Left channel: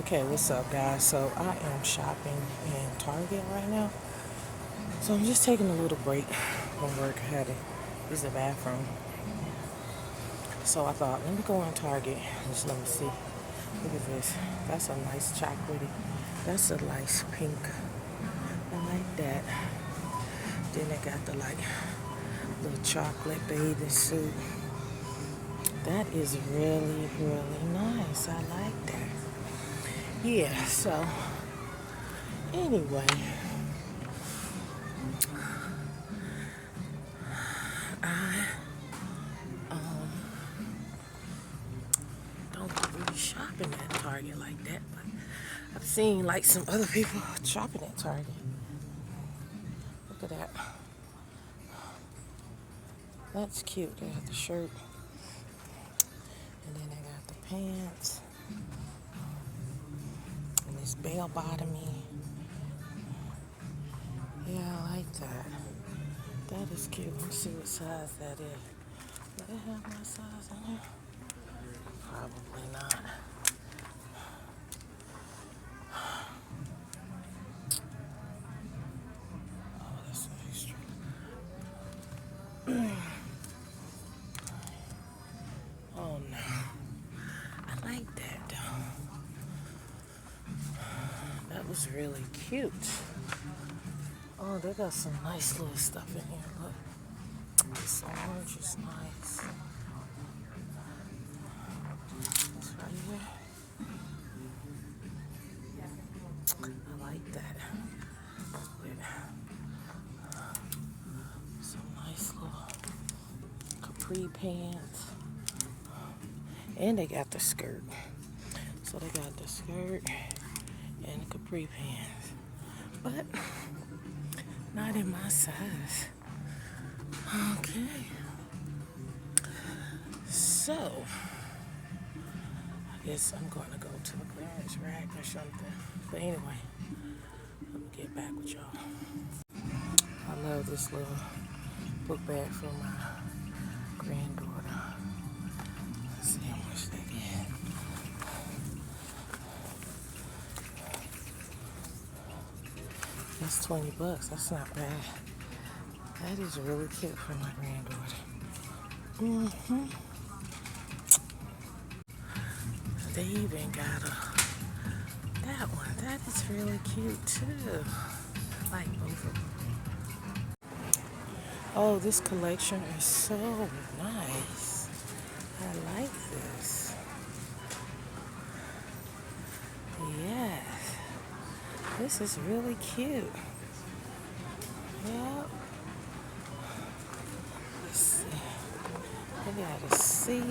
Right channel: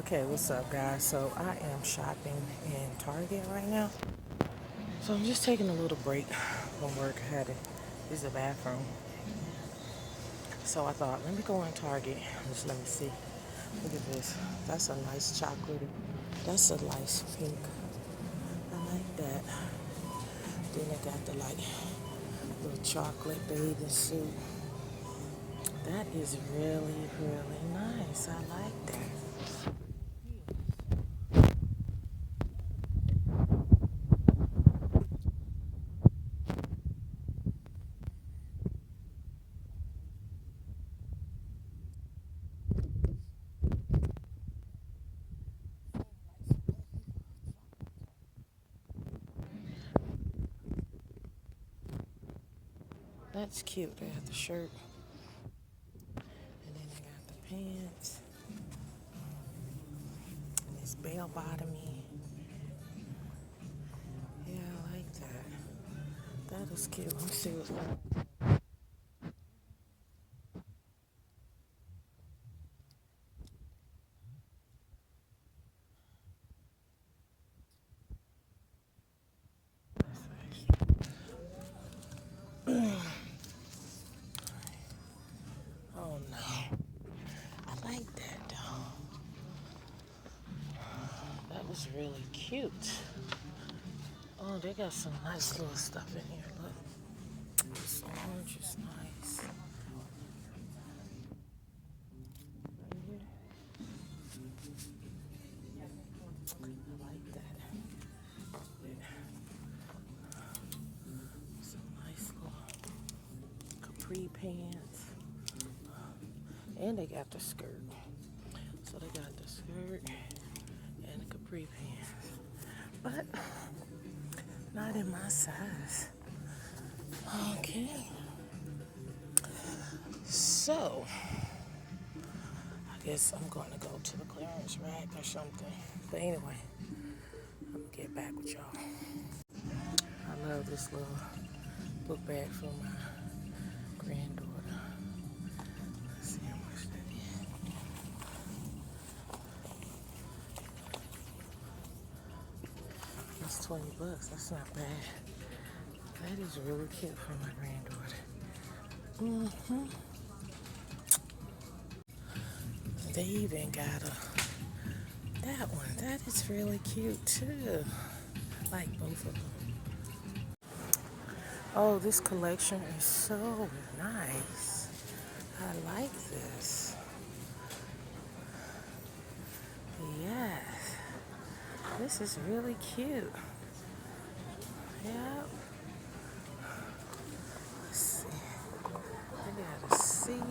Okay, what's up, guys? So I am shopping in Target right now. So I'm just taking a little break from work. I had to use the bathroom. So I thought, let me go in Target. Just let me see. What is this? That's a nice chocolatey. That's a nice pink. I like that. Then they got the little chocolate bathing suit. That is really, really nice. I like that. Yeah, so anyway, don't really shopping at Target like that, but I've seen like some other people shopping at Target. Look at that. That's cute. They got the shirt, and then they got the pants, and this bell bottomy. Yeah, I like that. That is cute. Let me see what size that is. Do they have my size in there? Probably not. Oh, that's extra. Oh no. I like that though. That was really cute. Oh, they got some nice little stuff in here. Look. This orange is nice. It's right here. I like that. With some nice little capri pants. And they got the skirt. So they got the skirt and the capri pants. But not in my size. Okay. So, I guess I'm going to go to the clearance rack or something. But anyway, I'm going to get back with y'all. I love this little book bag for my granddaughter. Let's see how much they get. It's $20. That's not bad. That is really cute for my granddaughter. They even got that one. That is really cute too. I like both of them. Oh, this collection is so nice. I like this. Yes. This is really cute. Yeah. Let's see. I gotta see.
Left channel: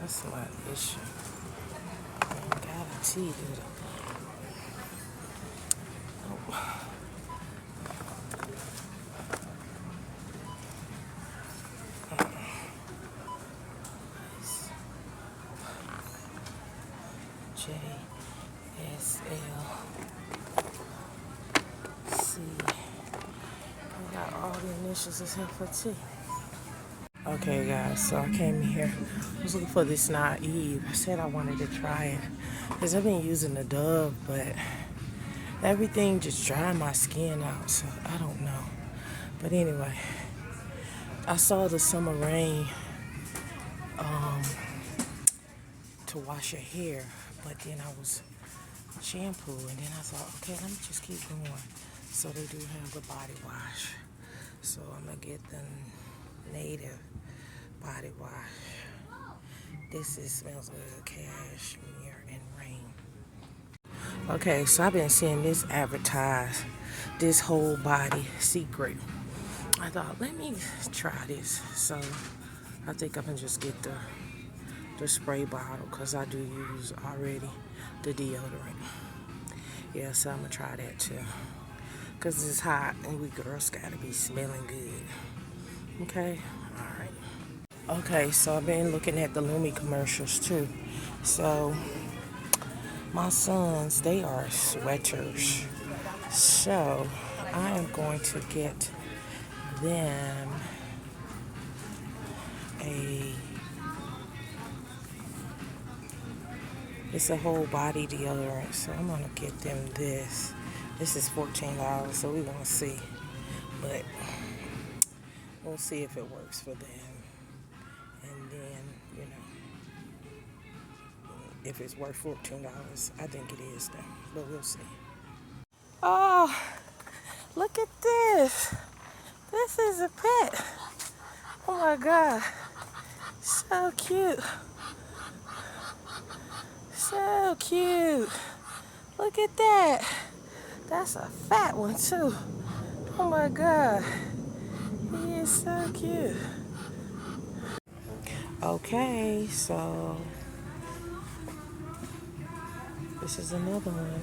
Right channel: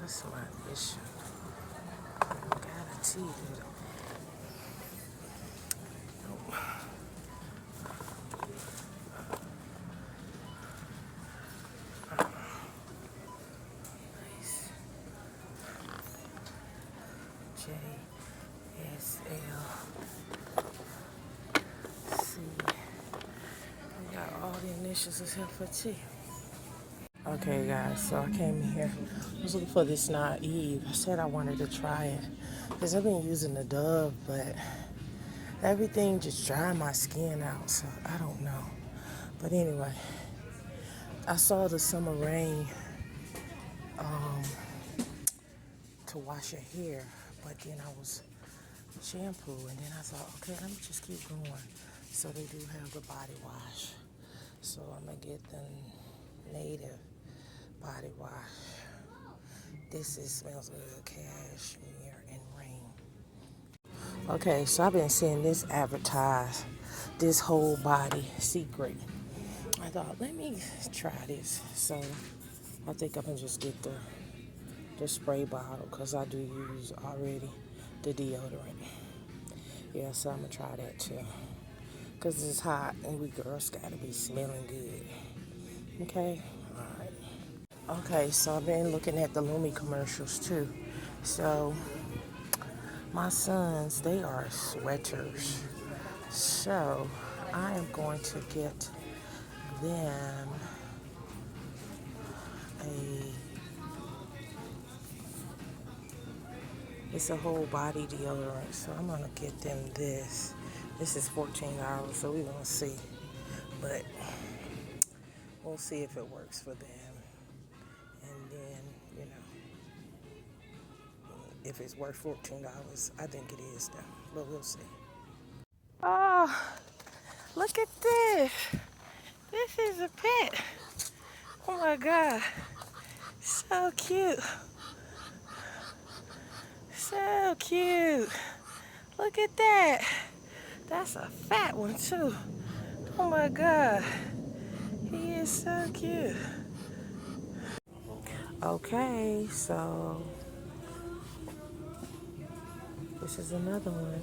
That's my issue. I don't got a T, dude. J S L C. We got all the initials except for T. Okay, guys, so I came here. I was looking for this naive. I said I wanted to try it because I've been using the Dove, but everything just dried my skin out, so I don't know. But anyway, I saw the summer rain to wash your hair, but then I was shampoo, and then I thought, okay, let me just keep going. So they do have the body wash. So I'm gonna get the native body wash. This smells like cashmere and rain. Okay, so I've been seeing this advertised, this whole body secret. I thought, let me try this. So I think I can just get the spray bottle because I do use already the deodorant. Yeah, so I'm gonna try that too. Because it's hot and we girls gotta be smelling good. Okay? Alright. Okay, so I've been looking at the Lumi commercials too. So my sons, they are sweaters. So I am going to get them a It's a whole body deodorant, so I'm gonna get them this. This is $14, so we're gonna see. But we'll see if it works for them. And then, if it's worth $14. I think it is though, but we'll see. Oh, look at this. This is a pet. Oh my God. So cute. So cute. Look at that. That's a fat one too. Oh my God. He is so cute. Okay, so this is another one.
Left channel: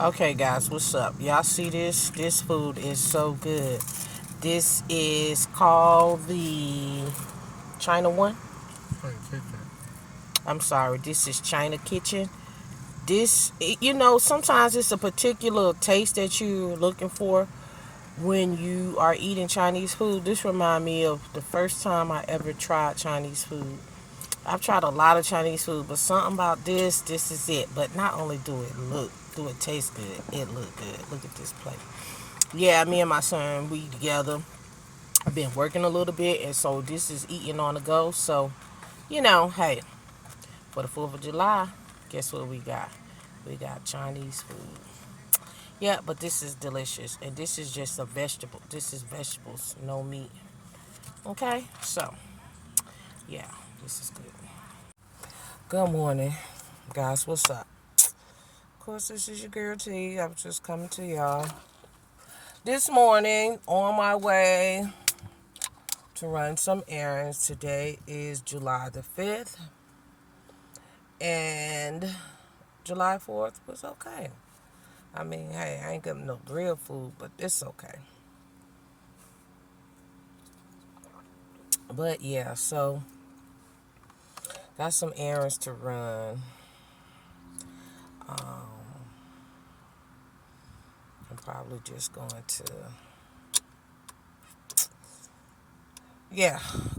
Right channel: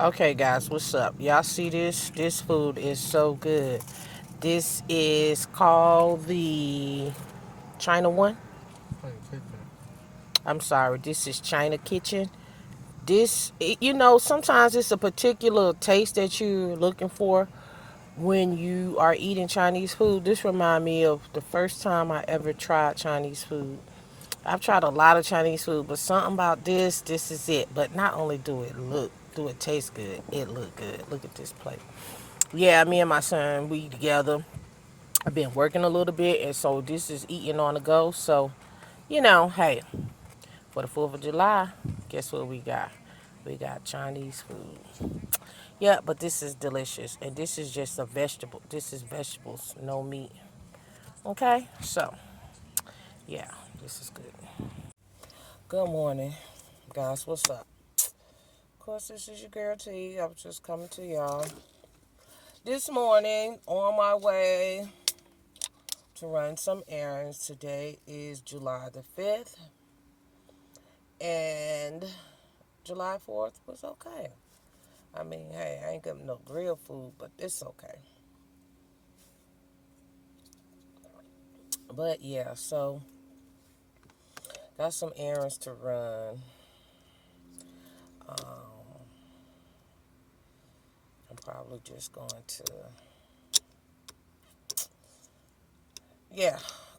Okay guys, what's up? Y'all see this? This food is so good. This is called the China one. I'm sorry, this is China Kitchen. This, sometimes it's a particular taste that you're looking for when you are eating Chinese food. This reminds me of the first time I ever tried Chinese food. I've tried a lot of Chinese food, but something about this is it. But not only do it taste good, it look good. Look at this plate. Yeah, me and my son, we together. I've been working a little bit, and so this is eating on the go. So, hey, for the 4th of July, guess what we got? We got Chinese food. Yeah, but this is delicious, and this is just a vegetable. This is vegetables, no meat. Okay, so, yeah, this is good. Good morning, guys. What's up? Of course, this is your girl T. I was just coming to y'all this morning on my way to run some errands. Today is July the 5th, and July 4th was okay. I mean, hey, I ain't getting no real food, but it's okay. But yeah, so got some errands to run. I'm probably just going to,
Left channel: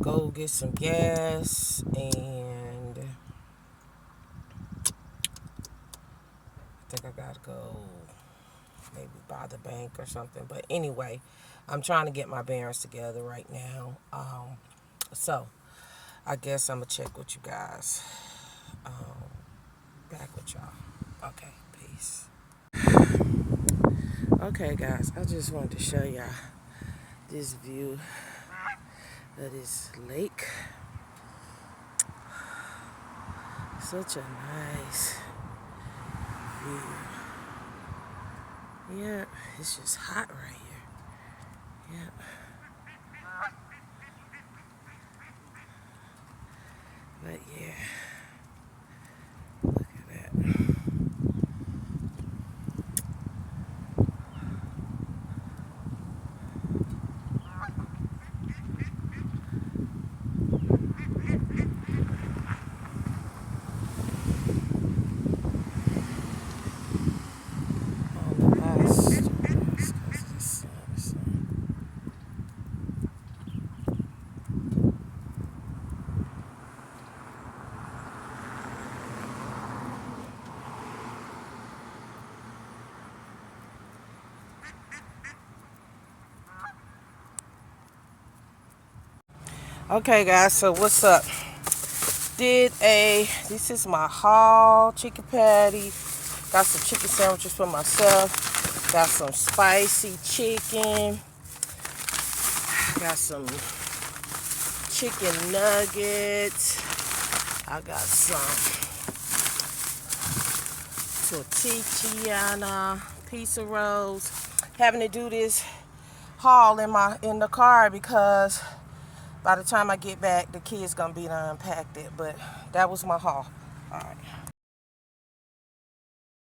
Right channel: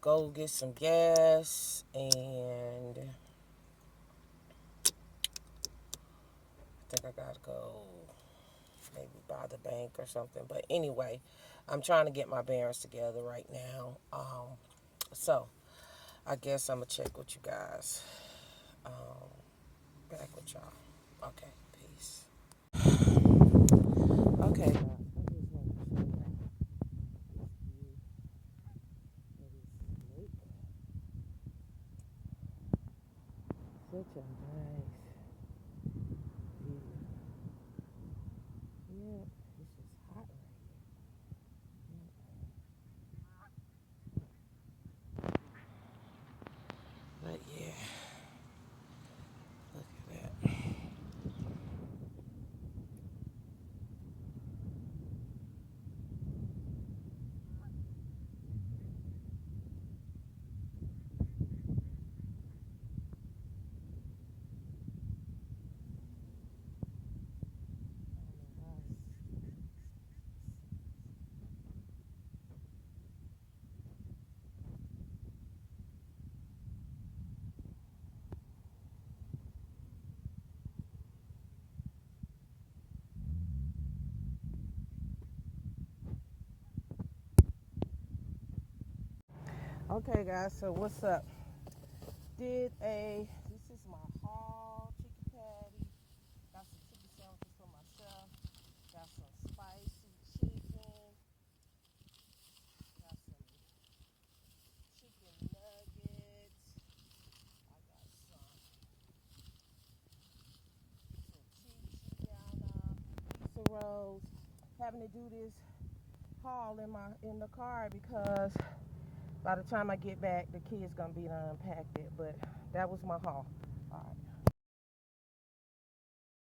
go get some gas, and I think I gotta go maybe by the bank or something. But anyway, I'm trying to get my bearings together right now. So I guess I'm gonna check with you guys. Back with y'all. Okay, peace. Okay, guys, I just wanted to show y'all this view of this lake. Such a nice view. Yeah, it's just hot right here. Yep. But yeah, look at that. On the last because of the sun. Okay, guys, so what's up? This is my haul, chicken patty. Got some chicken sandwiches for myself. Got some spicy chicken. Got some chicken nuggets. I got some tortillana pizza rolls. Having to do this haul in the car because by the time I get back, the kids gonna be done unpacked it. But that was my haul. All right.